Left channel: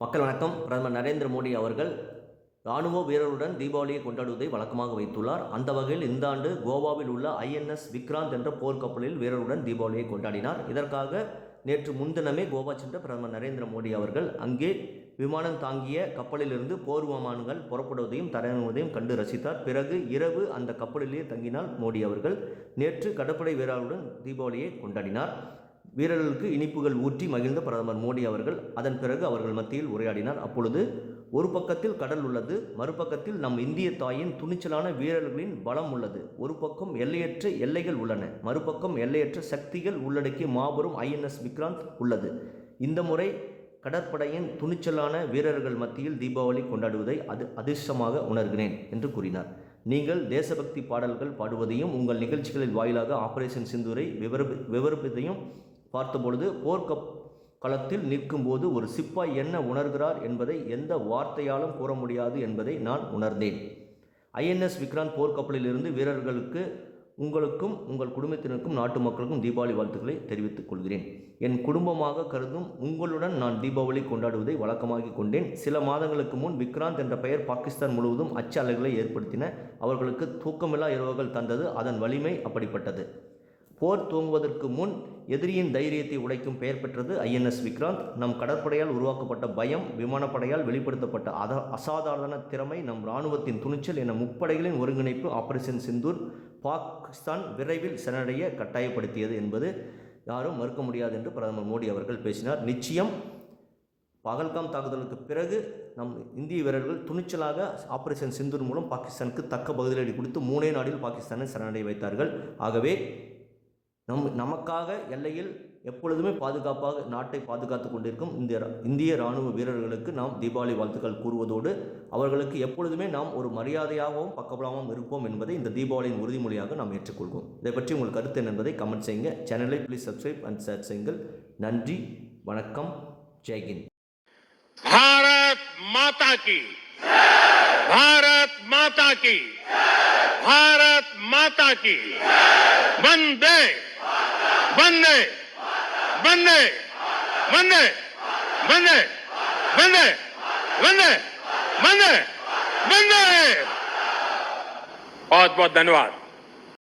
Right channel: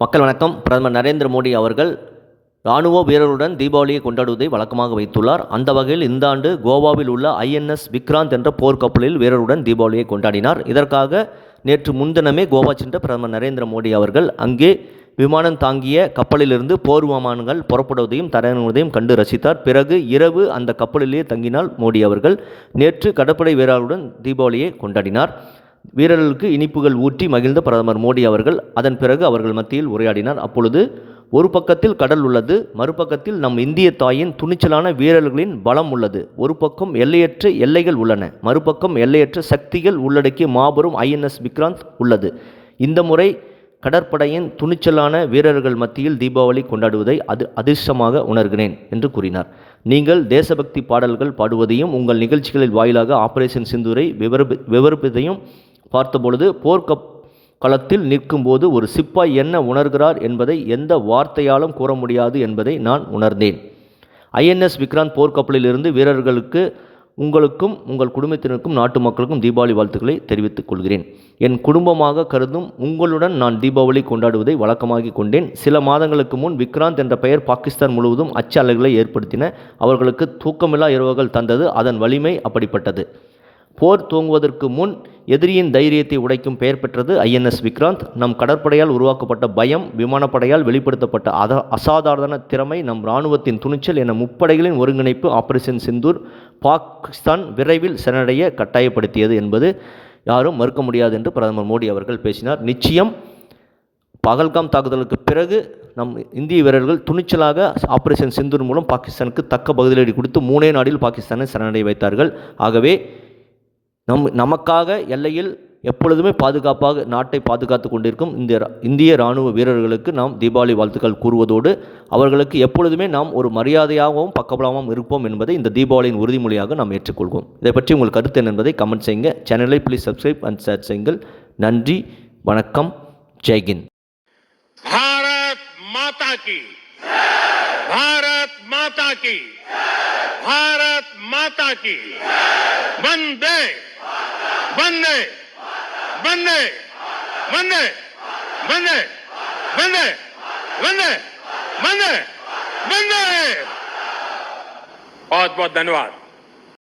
மக்கள் வணக்கம். பிரதமர் நரேந்திர மோடி அவர்கள் இராணுவ வீரர்களுடன் தீபாவளியை கொண்டாடுவதை வழக்கமாக வைத்துள்ளார். அந்த வகையில் இந்த ஆண்டு கோவாவில் உள்ள ஐஎன்எஸ் விக்ராந்த் என்ற போர்க்கப்பலில் வீரருடன் தீபாவளியை கொண்டாடினார். இதற்காக நேற்று முன்தினமே கோவா சென்ற பிரதமர் நரேந்திர மோடி அவர்கள் அங்கே விமானம் தாங்கிய கப்பலிலிருந்து போர் விமானங்கள் புறப்படுவதையும் தரையிறங்குவதையும் கண்டு ரசித்தார். பிறகு இரவு அந்த கப்பலிலேயே தங்கினால் மோடி அவர்கள் நேற்று கடற்படை வீரர்களுடன் தீபாவளியை கொண்டாடினார். வீரர்களுக்கு இனிப்புகள் ஊற்றி மகிழ்ந்த பிரதமர் மோடி அவர்கள் அதன் பிறகு அவர்கள் மத்தியில் உரையாடினார். அப்பொழுது ஒரு பக்கத்தில் கடல் உள்ளது, மறுபக்கத்தில் நம் இந்திய தாயின் துணிச்சலான வீரர்களின் பலம் உள்ளது. ஒரு பக்கம் எல்லையற்ற எல்லைகள் உள்ளன, மறுபக்கம் எல்லையற்ற சக்திகள் உள்ளடக்கிய மாபெரும் ஐஎன்எஸ் விக்ராந்த் உள்ளது. இந்த முறை கடற்படையின் துணிச்சலான வீரர்கள் மத்தியில் தீபாவளி கொண்டாடுவதை அதிர்ஷ்டமாக உணர்கிறேன் என்று கூறினார். நீங்கள் தேசபக்தி பாடல்கள் பாடுவதையும் உங்கள் நிகழ்ச்சிகளில் வாயிலாக ஆபரேஷன் சிந்தூரை விவரிப்பதையும் பார்த்தபொழுது போர்க்களத்தில் நிற்கும்போது ஒரு சிப்பாய் என்ன உணர்கிறார் என்பதை எந்த வார்த்தையாலும் கூற முடியாது என்பதை நான் உணர்ந்தேன். ஐஎன்எஸ் விக்ராந்த் போர்க்கப்பலிலிருந்து வீரர்களுக்கு, உங்களுக்கும் உங்கள் குடும்பத்தினருக்கும் நாட்டு மக்களுக்கும் தீபாவளி வாழ்த்துக்களை தெரிவித்துக் கொள்கிறேன். என் குடும்பமாக கருதும் உங்களுடன் நான் தீபாவளி கொண்டாடுவதை வழக்கமாகி கொண்டேன். சில மாதங்களுக்கு முன் விக்ராந்த் என்ற பெயர் பாகிஸ்தான் முழுவதும் அச்ச அலைகளை ஏற்படுத்தின. அவர்களுக்கு தூக்கமில்லா இரவுகள் தந்தது. அதன் வலிமை அப்படிப்பட்டது. போர் துவங்குவதற்கு முன் எதிரியின் தைரியத்தை உடைக்கும் பெயர் பெற்றது ஐஎன்எஸ் விக்ராந்த். நம் கடற்படையால் உருவாக்கப்பட்ட பயம், விமானப்படையால் வெளிப்படுத்தப்பட்ட அசாதாரண திறமை, நம் இராணுவத்தின் துணிச்சல் என முப்படைகளின் ஒருங்கிணைப்பு ஆபரேஷன் சிந்தூர் பாகிஸ்தான் விரைவில் சரணடைய கட்டாயப்படுத்தியது என்பது யாரும் மறுக்க முடியாது என்று பிரதமர் மோடி அவர்கள் பேசினார். நிச்சயம் பகல்காம் தாக்குதலுக்கு பிறகு நம் இந்திய வீரர்கள் துணிச்சலாக ஆபரேஷன் சிந்தூர் மூலம் பாகிஸ்தானுக்கு தக்க பதிலடி கொடுத்து 3 நாளில் பாகிஸ்தானை சரணடைய வைத்தார்கள். ஆகவே நமக்காக எல்லையில் எப்பொழுதுமே பாதுகாப்பாக நாட்டை பாதுகாத்து கொண்டிருக்கும் இந்திய இராணுவ வீரர்களுக்கு நாம் தீபாவளி வாழ்த்துக்கள் கூறுவதோடு அவர்களுக்கு எப்பொழுதுமே நாம் ஒரு மரியாதையாகவும் பக்கபலமாகவும் இருப்போம் என்பதை இந்த தீபாவளியின் உறுதிமொழியாக நாம் ஏற்றுக்கொள்வோம். இதை பற்றி உங்கள் கருத்து என்ன என்பதை கமெண்ட் செய்யுங்க. சேனலை ப்ளீஸ் சப்ஸ்கிரைப் அண்ட் ஷேர் செய்யுங்கள். நன்றி, வணக்கம், ஜெய்ஹிந்த். பாரத் மாதா கி, பாரத் மாதா கி, பாரத் மாதா கி. வந்தே वंदे वंदे वंदे वंदे वंदे वंदे वंदे वंदे। बहुत बहुत धन्यवाद।